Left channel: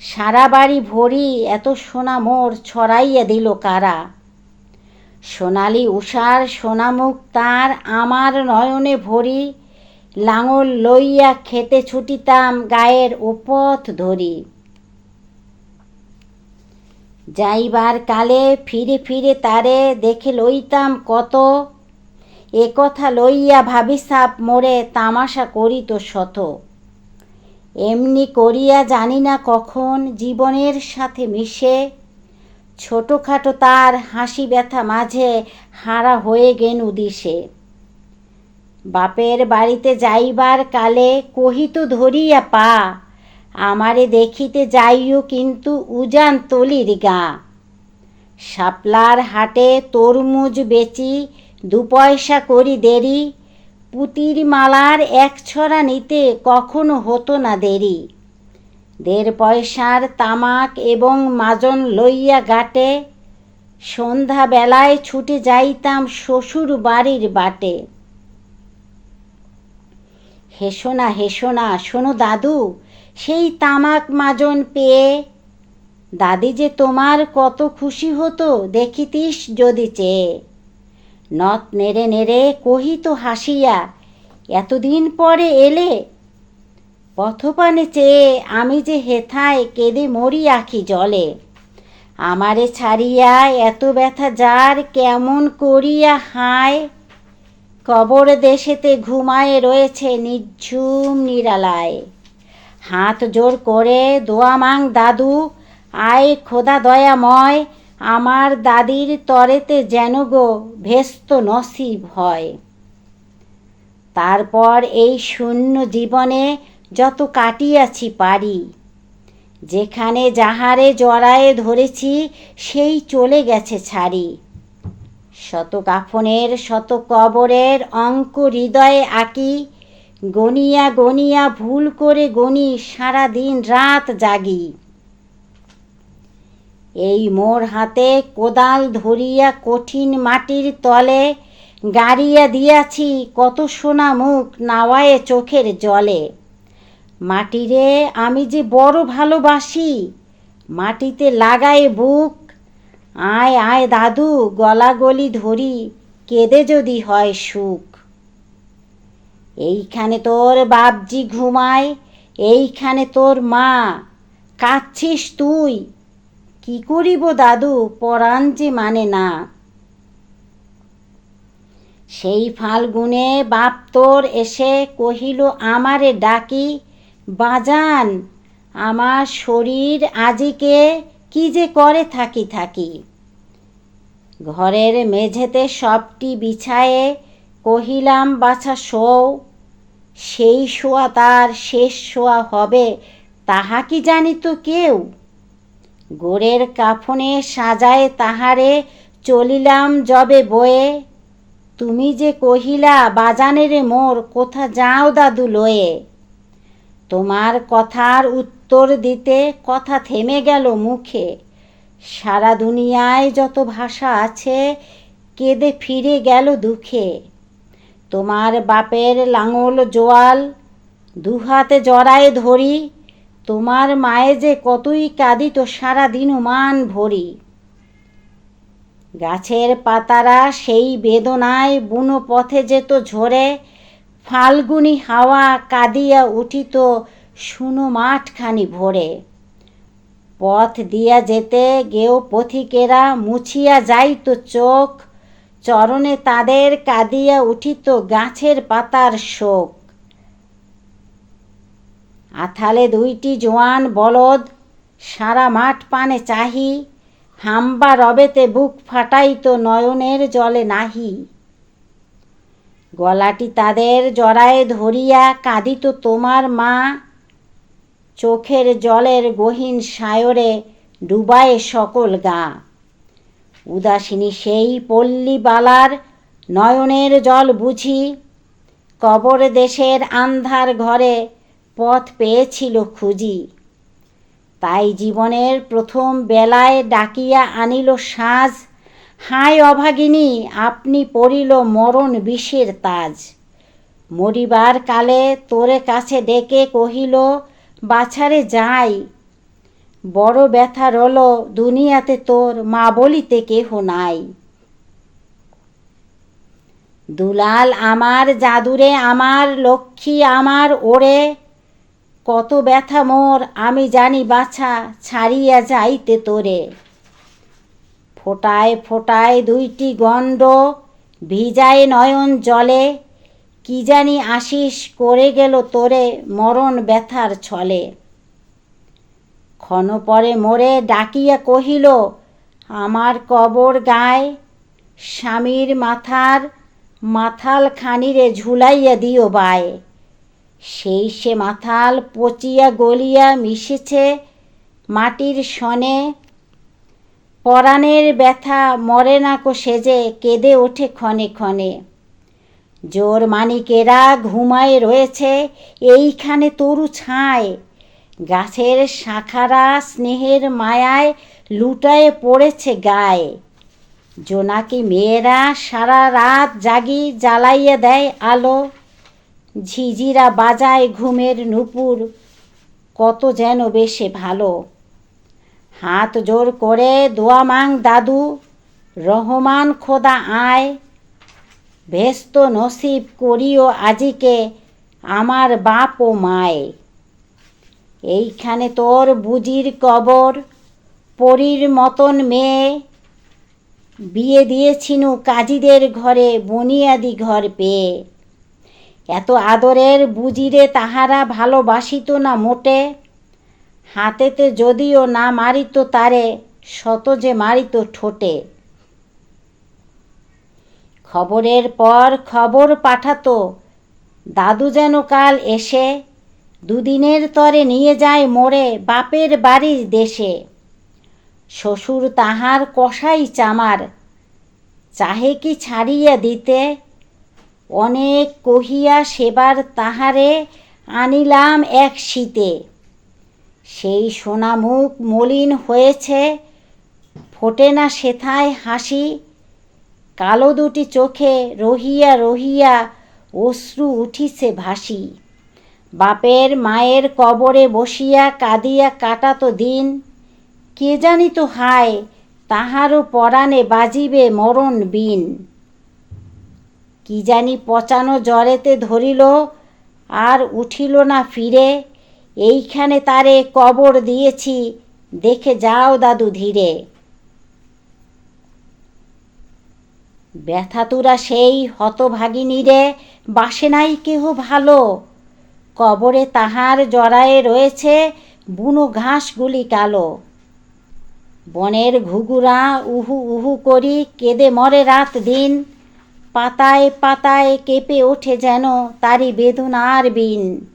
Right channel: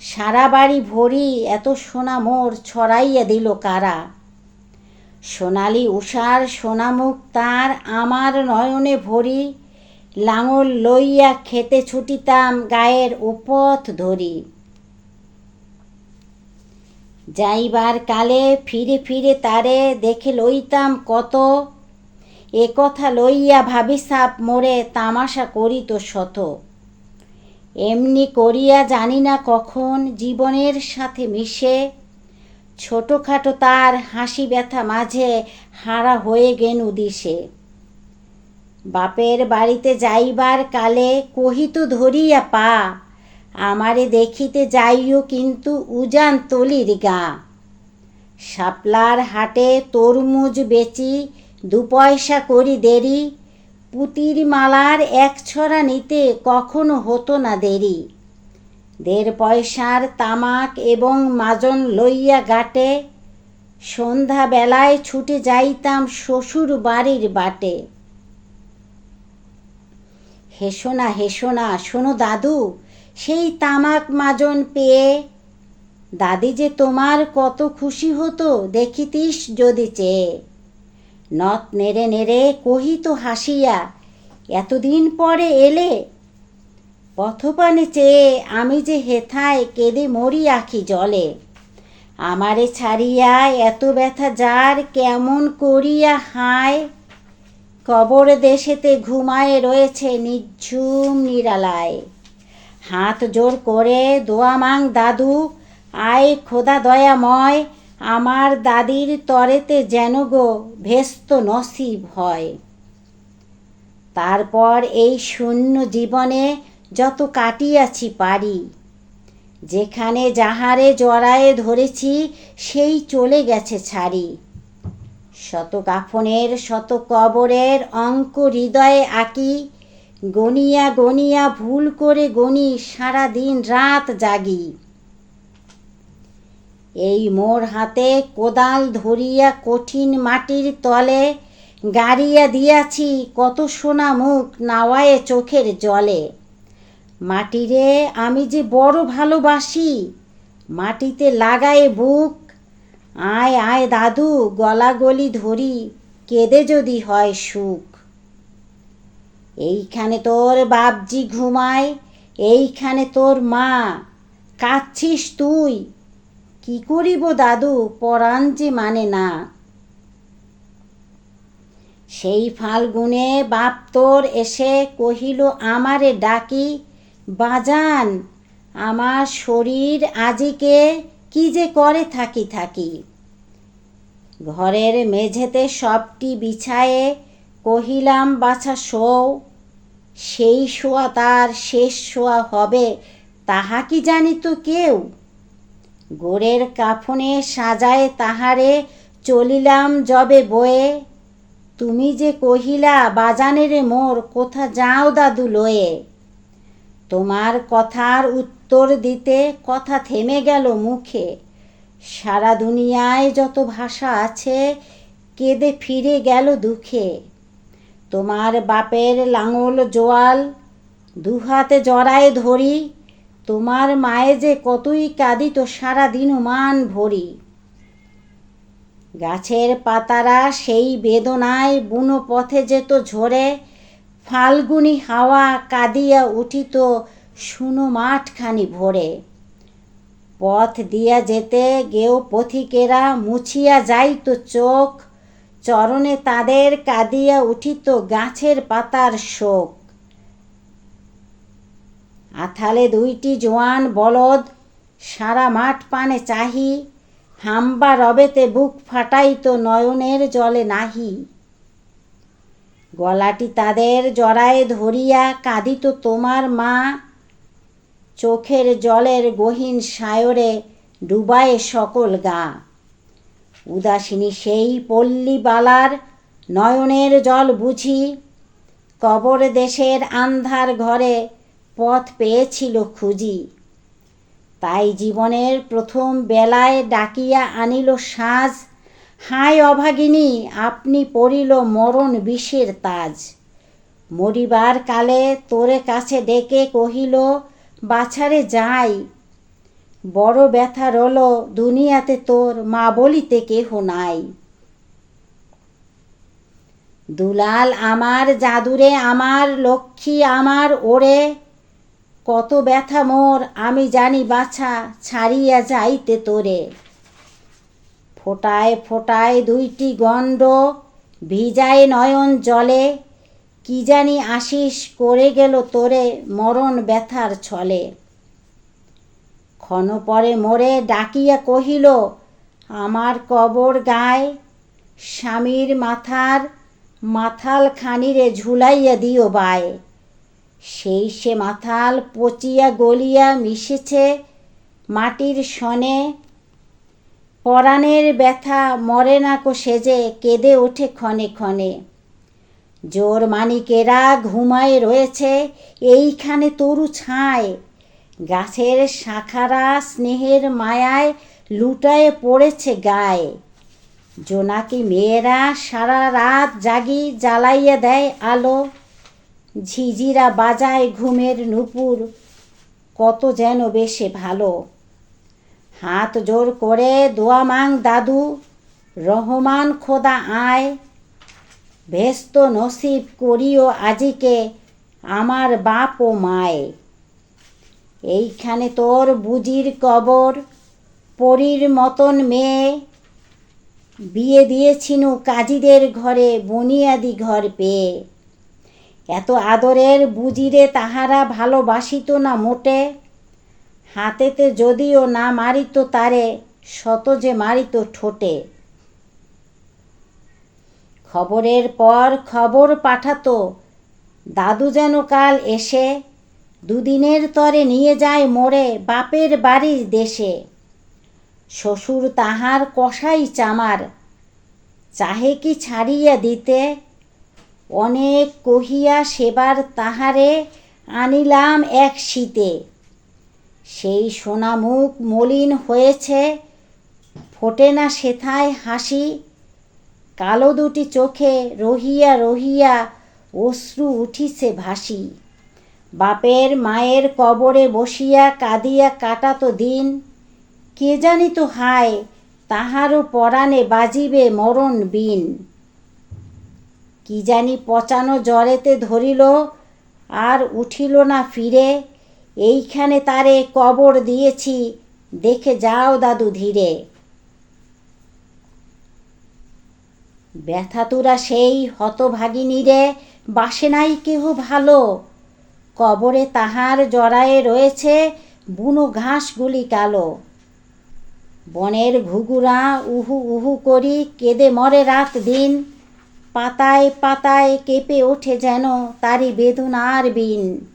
সারা বাড়ি ভরি এত সোনা মোর ছড়াইয়া দিল কারা। সোনালি উষার সোনামুখ তার আমার নয়নে ভরি, লাঙল লইয়া খেতে ছুটিতাম গায়ের উপথ ধরি। যাইবার কালে ফিরে ফিরে তারে দেখে লইতাম কত, এ কথা লইয়া ভাবিসাপ মোরে তামাশা করিত শত। এমনি করিয়া জানি না কখন জীবনের সাথে মিশে। ছোটোখাটো তার হাসি ব্যথা মাঝে হারা হয়ে গেনু দিশে বাপের বাড়িতে যাইবার কালে কহিত, ধরিয়া পা, আমারে দেখিতে যাইও কিন্তু উজান তলির গা। শাপলার হাটে তরমুজ বেচি, দু পয়সা করি দেরি পুতির মালার এক ছড়া নিতে কখনো হতো না দেরি। দেড় পয়সার তামাক এবং মাজন লইয়া গাটে সন্ধ্যা বেলায় ছুটে যাইতাম শ্বশুর বাড়ির বাটে। হেসো না হেসো না শোনো দাদু, সেই তামাক মাজন পেয়ে, দাদি যে তোমার কত খুশি হতো দেখিতিস যদি চেয়ে। নথ নেড়ে নেড়ে কহিত হাসিয়া, এতদিন পরে এলে? পথপানে চেয়ে আমি যে হেথায় কেঁদে মরি আখি জলে। আমারে ছাড়িয়া এত ব্যথা যার কেমন করিয়া হায়? কবর দেশেতে ঘুমায়ে রয়েছে নিঝুম নিরালায়। হাত জোর করে দোয়া মাং দাদু, আয় খোদা দয়াময় আমার দাদির তরেতে যেন গো ভেস্ত নসিব হয়। তারপর এই শূন্য জীবনে যত কাটিয়াছি পারি, যেখানে যাহারে জড়ায়ে ধরেছি, সেই চলে গেছে ছাড়ি। শত কাফনের, শত কবরের অঙ্ক হৃদয়ে আঁকি গনিয়া গনিয়া ভুল করে গনি সারা দিন রাত জাগি। এই মোর হাতে কোদাল ধরিয়া কঠিন মাটির তলে গাড়িয়া দিয়াছি, কত সোনা মুখ নাওয়ায়ে চোখের জলে। মাটিরে আমি যে বড় ভালোবাসি, মাটিতে লাগায়ে বুক। আয় আয় দাদু গলা গলি ধরি, কেঁদে যদি হয় সুখ। এইখানে তোর বাপজি ঘুমায়, এইখানে তোর মা। কাঁদছিস তুই কি করিব দাদু? পরাণ যে মানে না। সেই ফাল্গুনে বাপ তোর এসে কহিল, আমারে ডাকি, বাজান, আমার শরীর আজিকে কি যে করে থাকি থাকি। ঘরের মেঝেতে সবটি বিছায়ে কহিলাম, বাছা শোও, সেই শোয়া তার শেষ শোয়া হবে, তাহা কি জানিত কেউ? গোড়ের কাফনে সাজায় তাহারে, চলিলাম যবে বয়ে। তুমি যে কহিলা, বাজানের মোর, কোথা যাও দাদু লয়ে? তোমার কথার উত্তর দিতে কথা থেমে গেল মুখে। সারা দুনিয়ায় যত ভাষা আছে, কেঁদে ফিরে গেল দুঃখে। তোমার বাপের লাঙল জোয়াল, দুহাতে জড়ায় ধরি তোমার মায়ে যে কতই কাঁদিত সারা দিন মান ভরি। গাছের পাতারা সেই বেদনায় বুনো পথে যেত ঝরে, ফাল্গুনি হাওয়া কাঁদিয়া উঠিত শুনো মাঠখানি ভরে। পথ দিয়া যেতে গেও পথিকেরা মুছিয়া যাইত চোখ, চরণে তাদের কাঁদিয়া উঠিত গাছের পাতার শোক। আথালে দুইটি জোয়ান বলদ, সারা মাঠ পানে চাহি, হাম্বা রবেতে বুক ফাটাইত নয়নের জলে নাহি। গলাটি তাদের জড়ায়ে ধরিয়া কাঁদিত তোমার মা, চোখের জলের গহীন সায়রে ডুবায়ে সকল গা। উদাসিনী সেই পল্লীবালার নয়নের জল বুঝি, কবর দেশের আন্ধার ঘরে পথ পেয়েছিল খুঁজি। তাই জীবনের প্রথম বেলায় ডাকিয়া আনিল সাজ, হায় অভাগিনী, আপনি পড়িল মরণ বিষের তাজ। মরিবার কালে তোরে কাছে ডেকে কহিল, বাছারে যাই। বড় ব্যথা রল দুনিয়াতে তোর, মা বলিতে কেহ নাই। দুলাল আমার জাদুরে, আমার লক্ষ্মী আমার ওরে কত ব্যথা মোর, আমি জানি বাছা, ছাড়িয়া যাইতে তোরে। ফোটায় ফোটায় দুইটি গণ্ড, ভিজায় নয়ন জলে, কি জানি আশিস করে গেল তোরে মরণ ব্যথার ছলে। ক্ষণ পরে মোরে ডাকিয়া কহিল, আমার কবর গায়, স্বামীর মাথার মাথাল খানিরে ঝুলাইয়া দিও বায়। সেই সে মাথাল পচিয়া গলিয়া মিশেছে মাটির সনে পরাণের ব্যথা মরে না কো সেজে কেঁদে ওঠে ক্ষণে ক্ষণে। জোর মানিকেরা ঘুমায় রয়েছে, এইখানে তরু ছায়। গাছের শাখারা স্নেহের মায়ায় লুটায়ে পড়েছে গায়ে। জোনাকি মেয়েরা সারা রাত জাগি জ্বালাইয়া দেয় আলো। ঝিঝিরা বাজায় ঘুমের নুপুর, কত যেন বেশে ভালো। হাত জোর করে দোয়া মাং দাদু, রহমান খোদা আয়। ভেস্ত নসিব করিও আজিকে আমার বাপ ও মায়। এইখানে তোর বুজির কবর, পরীর মতন মেয়ে। বিয়ে দিয়েছিনু কাজীদের ঘরে, বুনিয়াদি ঘর পেয়ে। এত আদরের বুজিরে তাহারা ভালোবাসিত না মোটে? হাতেতে যদিও না মারিত তারে, শত যে মারিত ঠোঁটে। খবরের পর খবর পাঠাতো, দাদু যেন কাল এসে, দুদিনের তরে নিয়ে যায় মোড়ে বাপের বাড়ির দেশে। শ্বশুর তাহার কষাই চামার, চাহে কি ছাড়িয়া দিতে? অনেক কহিয়া সেবার তাহারে আনিলাম এক শীতে। সেই সোনামুখ মলিন হয়েছে, ফোটে না সেথায় হাসি। কালো দুটি চোখে রহিয়া রহিয়া অশ্রু উঠিছে ভাসি। বাপের মায়ের কবরে বসিয়া কাঁদিয়া কাটাতো দিন। কে জানিত হায়, তাহারও পরাণে বাজিবে মরণ বিন কি জানি পচানো জ্বরেতে ধরিল, আর উঠিল না ফিরে। এইখানে তারে কবর দিয়েছি, দেখে যাও দাদু ধীরে। ব্যথাতুরা সেই হতভাগিনীরে বাসে নাই কেহ ভালো। কবরে তাহার জড়ায়ে রয়েছে বুনো ঘাসগুলি কালো। বনের ঘুঘুরা উহু উহু করি কেঁদে মরে রাত দিন পাতায় পাতায় কেঁপে ওঠে যেন তারি বেদনার বিন।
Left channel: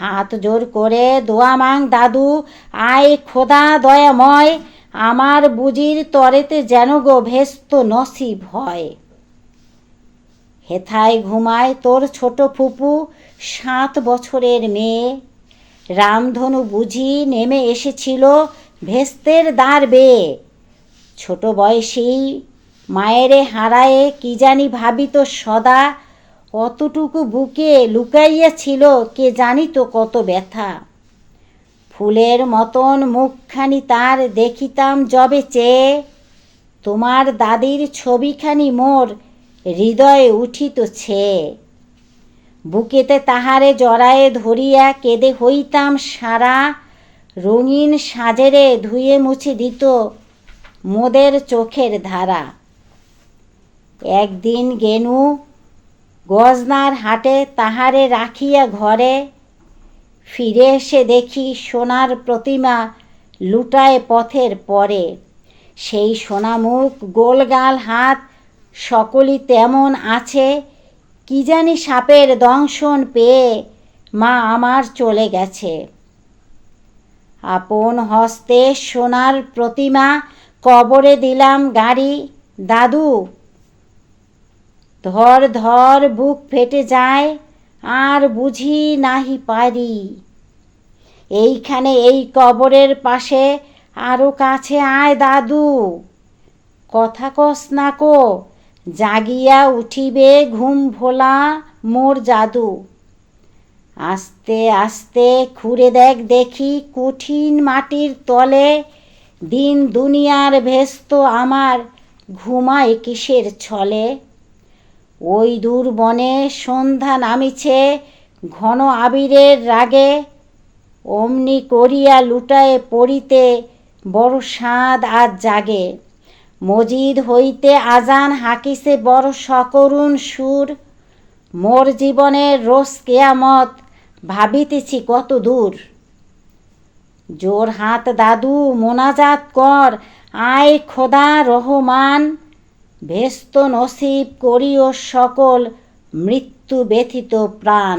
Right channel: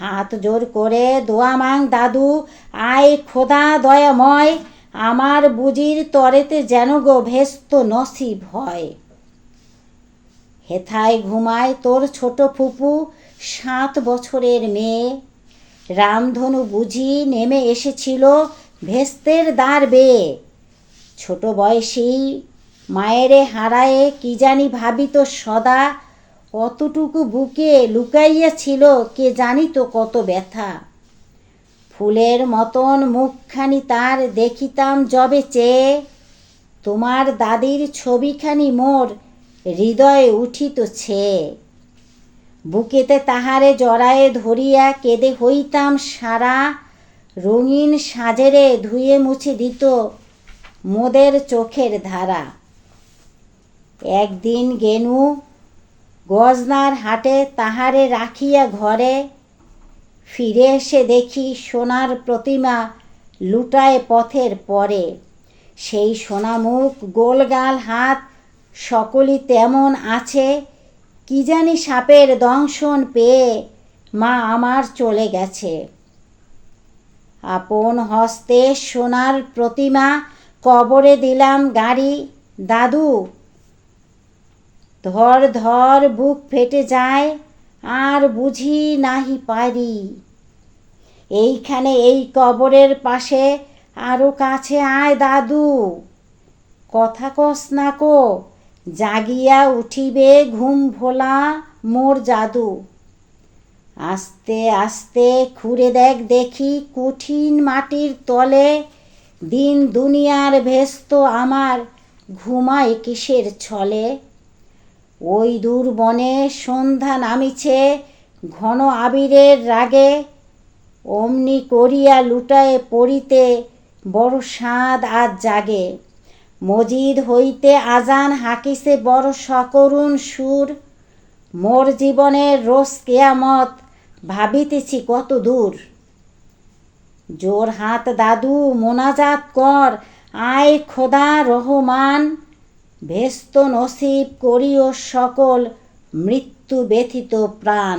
হাত জোর করে দোয়া মাং দাদু, আয় খোদা দয়াময়, আমার বুজির তরেতে যেন গো ভেস্ত নসিব হয়। হেথায় ঘুমায় তোর ছোট ফুপু, সাত বছরের মেয়ে। রামধনু বুঝি নেমে এসেছিল ভেস্তের দ্বার বেয়ে। ছোট বয়সী মায়েরে হারায়ে কি জানি ভাবিত সদা, কতটুকু বুকে লুকাইয়া ছিল কে জানিত কত ব্যথা। ফুলের মতন মুখখানি তার দেখিতাম যবে চেয়ে, তোমার দাদির ছবিখানি মোর হৃদয়ে উঠিত ছে বুকেতে তাহারে জড়ায়ে ধরিয়া কেঁদে হইতাম সারা, রঙিন সাজেরে ধুয়ে মুছে দিত মোদের চোখের ধারা। একদিন গেনু গজনার হাটে তাহারে রাখিয়া ঘরে ফিরে এসে দেখি সোনার প্রতিমা লুটায় পথের পরে। সেই সোনামুখ, গোলগাল হাত সকলই তেমন আছে, কি জানি সাপের দংশন পেয়ে মা আমার চলে গেছে। আপন হস্তে সোনার প্রতিমা কবরে দিলাম গাড়ি, দাদু ধর ধর বুক ফেটে যায়, আর বুঝি নাহি পারি। এইখানে এই কবরের পাশে আরও কাছে আয় দাদু। কথা কস না কো, জাগিয়া উঠিবে ঘুম ভোলা মোর জাদু। আস্তে আস্তে খুঁড়ে দেখ দেখি কঠিন মাটির তলে, দিন দুনিয়ার ভেস্ত আমার ঘুমায় কিসের ছলে। ওই দূর বনে সন্ধ্যা নামিছে, ঘন আবিরের রাগে। অমনি করিয়া লুটায়ে পড়িতে বড় স্বাদ আজ জাগে। মজিদ হইতে আজান হাকিছে বড় সকরুণ সুর। মোর জীবনের রোজ কেয়ামত ভাবিতেছি কত দূর। জোর হাত দাদু মোনাজাত কর, আয় খোদা রহমান। ভেস্ত নসিব করিও সকল মৃত্যু ব্যথিত প্রাণ।